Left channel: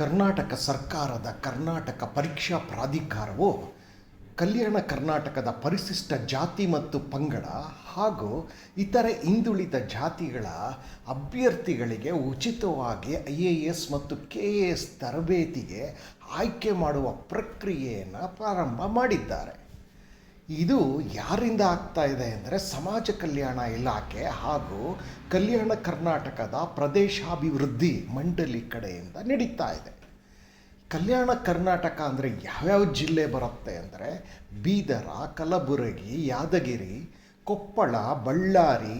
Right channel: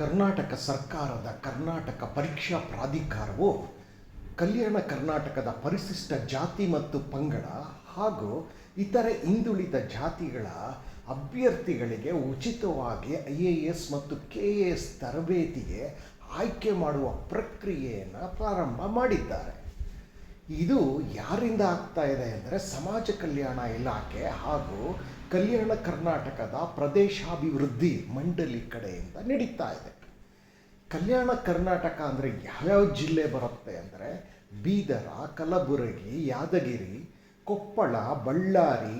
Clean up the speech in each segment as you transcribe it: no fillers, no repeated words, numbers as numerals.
ಕರ್ನಾಟಕ ಸರ್ಕಾರದ ಕರ್ನಾಟಕ ಪರೀಕ್ಷಾ ಪ್ರಾಧಿಕಾರವು ಕಲ್ಯಾಣ ಕರ್ನಾಟಕದ ಪರಿಶಿಷ್ಟ ಜಾತಿ ಮತ್ತು ಪಂಗಡ ಹಾಗೂ ಇತರೆ ಹಿಂದುಳಿದ ಜಾತಿಗಳ ಅಭ್ಯರ್ಥಿಗಳಿಗೆ ಉಚಿತವಾಗಿ IAS ಮತ್ತು KAS ತರಬೇತಿಗೆ ಆಯ್ಕೆ ಮಾಡುವ ಪ್ರಕ್ರಿಯೆಯನ್ನು ಪ್ರಾರಂಭ ಮಾಡಿದ್ದಾರೆ. ಇದು ಯಾರಿಂದ ಆಗ್ತಾ ಇದೆ ಅಂದರೆ ಸಮಾಜ ಕಲ್ಯಾಣ ಇಲಾಖೆ ಹಾಗೂ ಕಲ್ಯಾಣ ಕರ್ನಾಟಕದ ಪ್ರದೇಶಾಭಿವೃದ್ಧಿ ಮಂಡಳಿ ಕಡೆಯಿಂದ ನಡೀತಾ ಇದೆ. ಕಲ್ಯಾಣ ಕರ್ನಾಟಕ ಅಂದರೆ ಯಾವ್ಯಾವ ಜಿಲ್ಲೆ ಬರುತ್ತೆ ಅಂದರೆ ಬೀದರ, ಕಲಬುರಗಿ, ಯಾದಗಿರಿ, ಕೊಪ್ಪಳ, ಬಳ್ಳಾರಿ,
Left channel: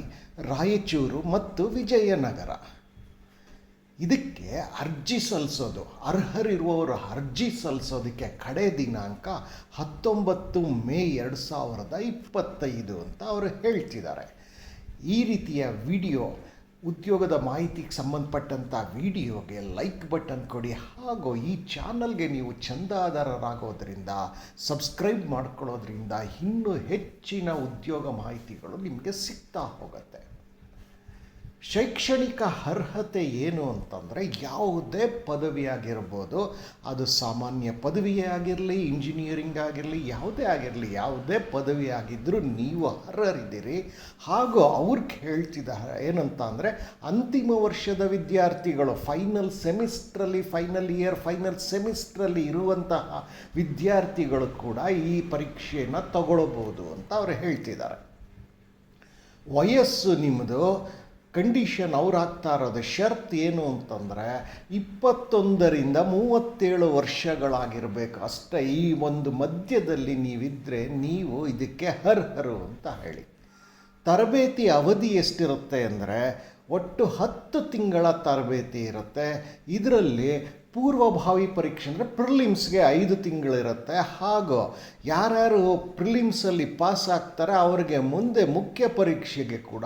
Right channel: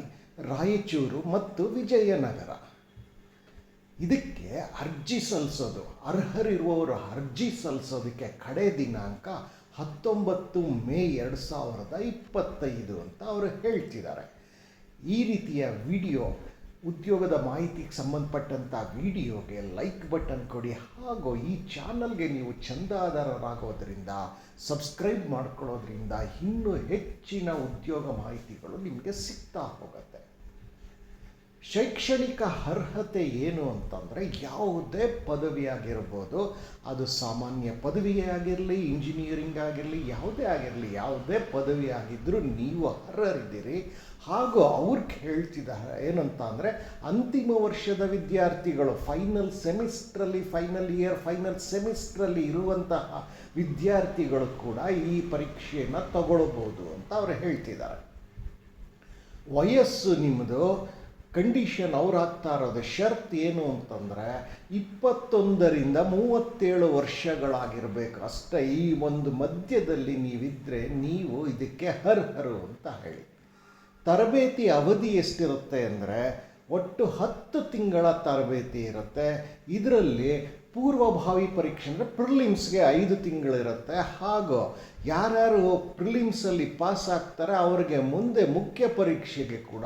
ರಾಯಚೂರು ಮತ್ತು ವಿಜಯನಗರ. ಇದಕ್ಕೆ ಅರ್ಜಿ ಸಲ್ಲಿಸೋದು, ಅರ್ಹರಿರುವವರು ಅರ್ಜಿ ಸಲ್ಲಿಸೋದಕ್ಕೆ ಕಡೆ ದಿನಾಂಕ 19 ಮೇ 2025 ಅಂತ ಅವರು ಹೇಳ್ತಿದ್ದಾರೆ. ಈ ರೀತಿಯ ವಿಡಿಯೋ, ಉದ್ಯೋಗದ ಮಾಹಿತಿಗೆ ಸಂಬಂಧಪಟ್ಟಂಥ ವಿಡಿಯೋಗೆ ಲೈಕ್ ಬಟನ್ ಕೊಡಿ ಹಾಗೂ ಈ ಚಾನಲ್ಗೆ ನೀವು ಚಂದಾದಾರರಾಗೋದ್ರಿಂದ, ಸಬ್ಸ್ಕ್ರೈಬ್ ಮಾಡ್ಕೊಳ್ಳೋದ್ರಿಂದ ಇನ್ನೂ ಹೆಚ್ಚಿನ ಉದ್ಯೋಗ ಮಾಹಿತಿಗಳು ನಿಮಗೆ ಸಿಗ್ತಾ ಹೋಗುತ್ತೆ. ಶೈಕ್ಷಣಿಕ ಅರ್ಹತೆ ಏನು ಅಂತಂದರೆ ಯಾವುದೇ ಪದವಿ ಆಗಿರ್ಬೋದು, ಅದು ಸಾಮಾನ್ಯ ಪದವಿಯೇ ಆಗಿರಲಿ, ಇಂಜಿನಿಯರಿಂಗ್ ಆಗಿರಲಿ, ಯಾವುದೇ ಆಗಿರಲಿ, ಯಾವುದೇ ಪದವಿ ಆಗಿದ್ದರೂ ನೀವು ಅರ್ಹರಿದ್ದೀರಿ. ಹಾಗೂ ಅವ್ರಿಗೆ ಹೇಳ್ತಿದ್ದಾರೆ ಏನಂತ ಅಂದರೆ ಅಂತಿಮ ವರ್ಷದ ವಿದ್ಯಾರ್ಥಿಗಳು, ಫೈನಲ್ ಸೆಮಿಸ್ಟ್ರಲ್ಲಿ, ಫೈನಲ್ ಇಯರ್, ಫೈನಲ್ ಸೆಮಿಸ್ಟ್ರಲ್ಲಿ ಇರುವಂತಹ ವಿದ್ಯಾರ್ಥಿಗಳು ಕೂಡ ಈ ಪರೀಕ್ಷೆಯನ್ನು ತಗೊಳ್ಬೋದು ಅಂತ ಅವರು ಹೇಳ್ತಿದ್ದಾರೆ. ವಯಸ್ಸು ನಿಮ್ಮದು ಕಂಡೀಷನ್ ಅವ್ರು ಹಾಕ್ತಾ ಇರೋದು ಷರತ್ತು ಏನು ಅಂತಂದರೆ 21ರಿಂದ 37 ವರ್ಷಗಳಾಗಿರಬೇಕು ಅಷ್ಟೇ. ಈ ಒಂದು ಮಧ್ಯದಲ್ಲಿ ನೀವಿದ್ದರೆ ನೀವು ಇದಕ್ಕೆ ಅರ್ಹರು ಅಂತ ಹೇಳಿ. ತರಬೇತಿ ಅವಧಿ ಎಷ್ಟಿರುತ್ತೆ ಅಂದರೆ ಒಟ್ಟು 10 ತಿಂಗಳ ತರಬೇತಿ ಇರುತ್ತೆ. ಇದರಲ್ಲಿ ಪೂರ್ವಭಾವಿ ಪರೀಕ್ಷೆ ಅಂದರೆ ಪ್ರಿಲಿಮ್ಸ್ಗೆ 5 ತಿಂಗಳಿರುತ್ತೆ. ಹಾಗೂ ಯಾರ್ಯಾರು ಪ್ರಿಲಿಮ್ಸಲ್ಲಿ ಪಾಸ್ ಆಗ್ತಾರೆ ಅವರಿಗೆ ಮುಂದೆ ಮುಖ್ಯ ಪರೀಕ್ಷೆಗೆ ಕೂಡ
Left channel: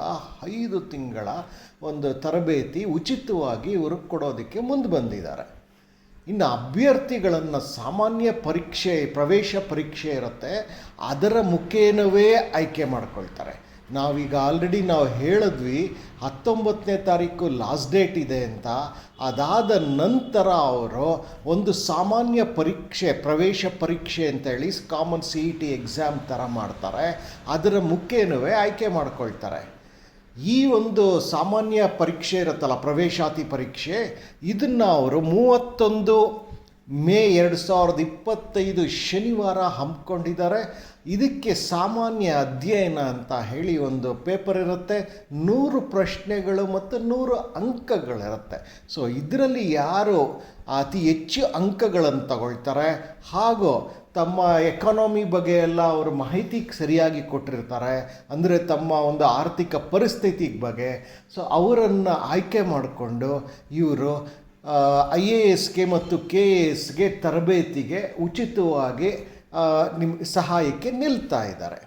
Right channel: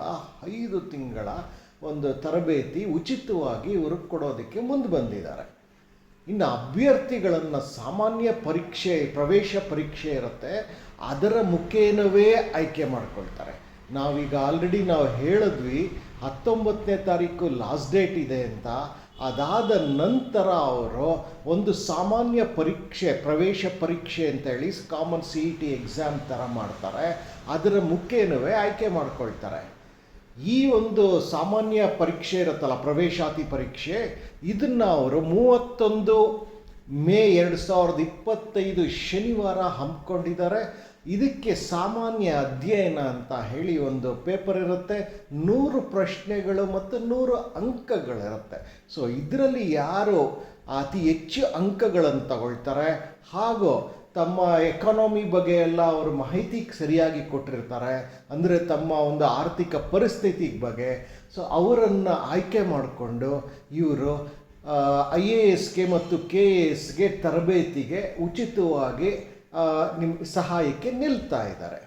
5 ತಿಂಗಳ ಒಂದು ತರಬೇತಿ ಉಚಿತವಾಗಿ ಇವರು ಕೊಡೋದಕ್ಕೆ ಮುಂದೆ ಬಂದಿದ್ದಾರೆ. ಇನ್ನು ಅಭ್ಯರ್ಥಿಗಳನ್ನು ಸಾಮಾನ್ಯ ಪರೀಕ್ಷೆ, ಪ್ರವೇಶ ಪರೀಕ್ಷೆ ಇರುತ್ತೆ, ಅದರ ಮುಖೇನವೇ ಆಯ್ಕೆ ಮಾಡ್ಕೊಳ್ತಾರೆ. ನಾವೀಗ ಆಲ್ರೆಡಿ ನಾವು ಹೇಳಿದ್ವಿ 19ನೇ ತಾರೀಕು ಲಾಸ್ಟ್ ಡೇಟ್ ಇದೆ ಅಂತ. ಅದಾದ ನಂತರ ಅವರು ಒಂದು ಸಾಮಾನ್ಯ ಪರೀಕ್ಷೆ, ಪ್ರವೇಶ ಪರೀಕ್ಷೆ ಅಂತೇಳಿ ಕಾಮನ್ CET ಎಕ್ಸಾಮ್ ಥರ ಮಾಡ್ತಾರೆ. ಅದರ ಮುಖೇನವೇ ಆಯ್ಕೆ ಮಾಡ್ಕೊಳ್ತಾರೆ. ಈ ಒಂದು ಸಾಮಾನ್ಯ ಪರೀಕ್ಷೆ ಇರುತ್ತಲ್ಲ, ಪ್ರವೇಶಾತಿ ಪರೀಕ್ಷೆ, ಇದನ್ನು ಅವರು 31 ಮೇ 2025 ಶನಿವಾರ ಹಮ್ಮಿಕೊಂಡಿದ್ದಾರೆ. ಇದಕ್ಕೆ ಸಾಮಾನ್ಯ ಅಧ್ಯಯನ ಅಂತ ಹೇಳಿ ಒಂದು ಪೇಪರ್ ಇರುತ್ತೆ, 100 ಪ್ರಶ್ನೆಗಳು ಮತ್ತು 100 ಅಂಕಗಳಿರುತ್ತೆ. ಸೊ ಇದರಲ್ಲಿ ಯಾರು ಅತಿ ಹೆಚ್ಚು ಅಂಕಗಳನ್ನು ತಗೊಳ್ತಾರೆ ಹಾಗೂ ತಮ್ಮ ಎಕಾನಮಿ ಬಗ್ಗೆ ಎಲ್ಲ ಅವರು ಮಾಹಿತಿ ಸರಿಯಾಗಿ ಕೊಟ್ಟಿರ್ತಾರೆ, ಅಂದರೆ ತಮ್ಮ ಒಂದು ಆರ್ಥಿಕ ಪರಿಸ್ಥಿತಿ ಬಗ್ಗೆ, ಸೊ ಅವರನ್ನು ಆಯ್ಕೆ ಮಾಡಿಕೊಂಡು ಇವರು IASಗೆ ಮತ್ತು KASಗೆ ತರಬೇತಿಗೆ ಉಚಿತವಾಗಿ ನಿಮ್ಮ ಸಹಾಯಕ್ಕೆ ನಿಲ್ತಾ ಇದ್ದಾರೆ.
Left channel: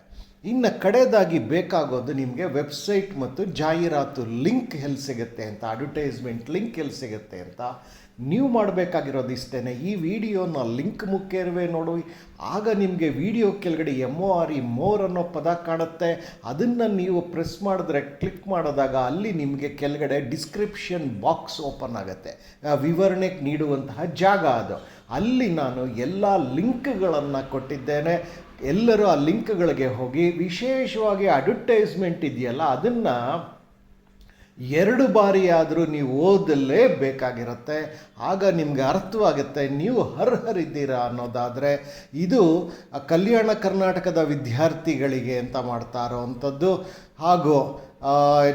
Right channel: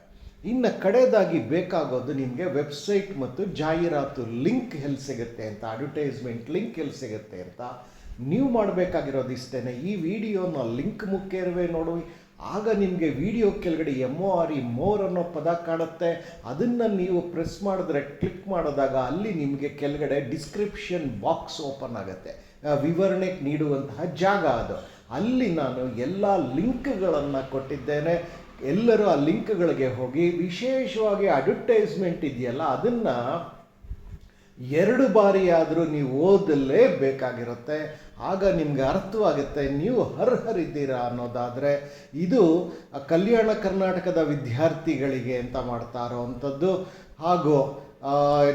ಇನ್ನು ಕಡೆಯದಾಗಿ ಬೇಕಾಗೋದು ನಿಮಗೆ ವೆಬ್ಸೈಟ್ ಮತ್ತು ಜಾಹೀರಾತು ಲಿಂಕ್ ಎಲ್ಲಿ ಸಿಗುತ್ತೆ ಅಂತ, ಅಡ್ವರ್ಟೈಸ್ಮೆಂಟ್ ಲಿಂಕ್ ಎಲ್ಲಿ ಸಿಗುತ್ತೆ ಅಂತ ನೀವು ಮಾಡಬೇಕಾಗಿರೋದು ಇಷ್ಟೇ. ಈ ವಿಡಿಯೋನ ಲಿಂಕ್ ಮುಖ್ಯವೇ ನೋಡಿ, ಆಗ ನಿಮಗೆ ವಿಡಿಯೋ ಕೆಳಗಡೆ MORE ಅನ್ನೋ ಪದ ಕಾಣುತ್ತೆ. ಅದನ್ನು ನೀವು ಪ್ರೆಸ್ ಮಾಡಿದ್ರೆ, ಕ್ಲಿಕ್ ಮಾಡಿದಾಗ ಅಲ್ಲಿ ನಿಮಗೆ ಕೆಳಗಡೆ ಡಿಸ್ಕ್ರಿಪ್ಷನ್ ಬಾಕ್ಸ್ ಓಪನ್ ಆಗುತ್ತೆ, ವಿವರಣೆಗೆ ನೀಡುವಂತಹ ಜಾಗ ಅದು. ಅಲ್ಲಿ ನಾನು ಎಲ್ಲ ಲಿಂಕ್ಗಳನ್ನು ಕೊಟ್ಟಿದ್ದೇನೆ. ಎಲ್ಲರೂ ಆ ಲಿಂಕ್ಗಳಿಗೆ ಹೋಗಿ, ವಿಶೇಷವಾಗಿ ಅಡ್ವರ್ಟೈಸ್ಮೆಂಟ್ ಇದೆಯಲ್ಲ ಅದನ್ನು 2 ಬಾರಿ ಆದರೂ ನೀವು ಓದಲೇಬೇಕಾಗಿರುತ್ತೆ. ಆಗ ನಿಮಗೆ ಅರ್ಥವಾಗುತ್ತೆ ನೀವು ಅರ್ಹರಿದ್ದೀರಾ ಅನ್ನೋದಾದರೆ. ಇದು ಕಲ್ಯಾಣ ಕರ್ನಾಟಕದ ವಿದ್ಯಾರ್ಥಿಗಳಿಗೆ ಅಂತ ಮಾಡ್ತಾ ಇರೋವಂಥದ್ದು. ಹಾಗೂ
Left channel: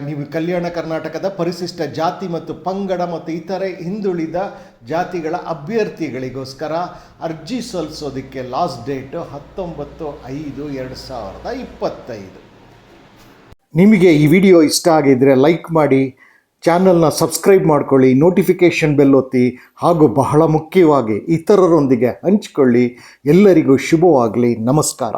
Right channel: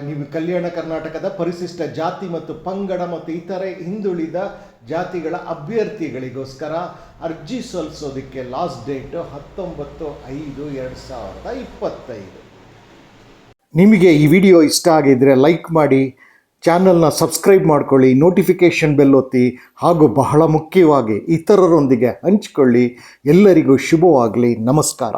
ನೀವು ಕಲ್ಯಾಣ ಕರ್ನಾಟಕದ ಪರಿಶಿಷ್ಟ ಜಾತಿ ಮತ್ತು ಪಂಗಡ ಮತ್ತು ಇತರೆ ಹಿಂದುಳಿದ ಜಾತಿಗಳ ಅಭ್ಯರ್ಥಿಗಳಿಗೋಸ್ಕರ ಅರ್ಜಿ ಸಲ್ಲಿಸೋದಕ್ಕೆ ಲಾಸ್ಟ್ ಡೇಟು 19/5/2025. ನಿಮಗೆ ಈ ವಿಡಿಯೋ ಇಷ್ಟ ಆಗಿದ್ದರೆ ಲೈಕ್ ಮಾಡಿ, ಚಾನಲ್ನ ಸಬ್ಸ್ಕ್ರೈಬ್ ಮಾಡ್ಕೊಳ್ಳಿ, ನೋಟಿಫಿಕೇಷನ್ ಬೆಲ್ ಒತ್ತಿ, ಹಾಗೂ ಬಹಳ ಮುಖ್ಯವಾಗಿ ಇತರರೊಂದಿಗೆ ಹಂಚಿಕೊಳ್ಳಿ. ಎಲ್ಲರಿಗೂ ಶುಭವಾಗಲಿ. ನಮಸ್ಕಾರ.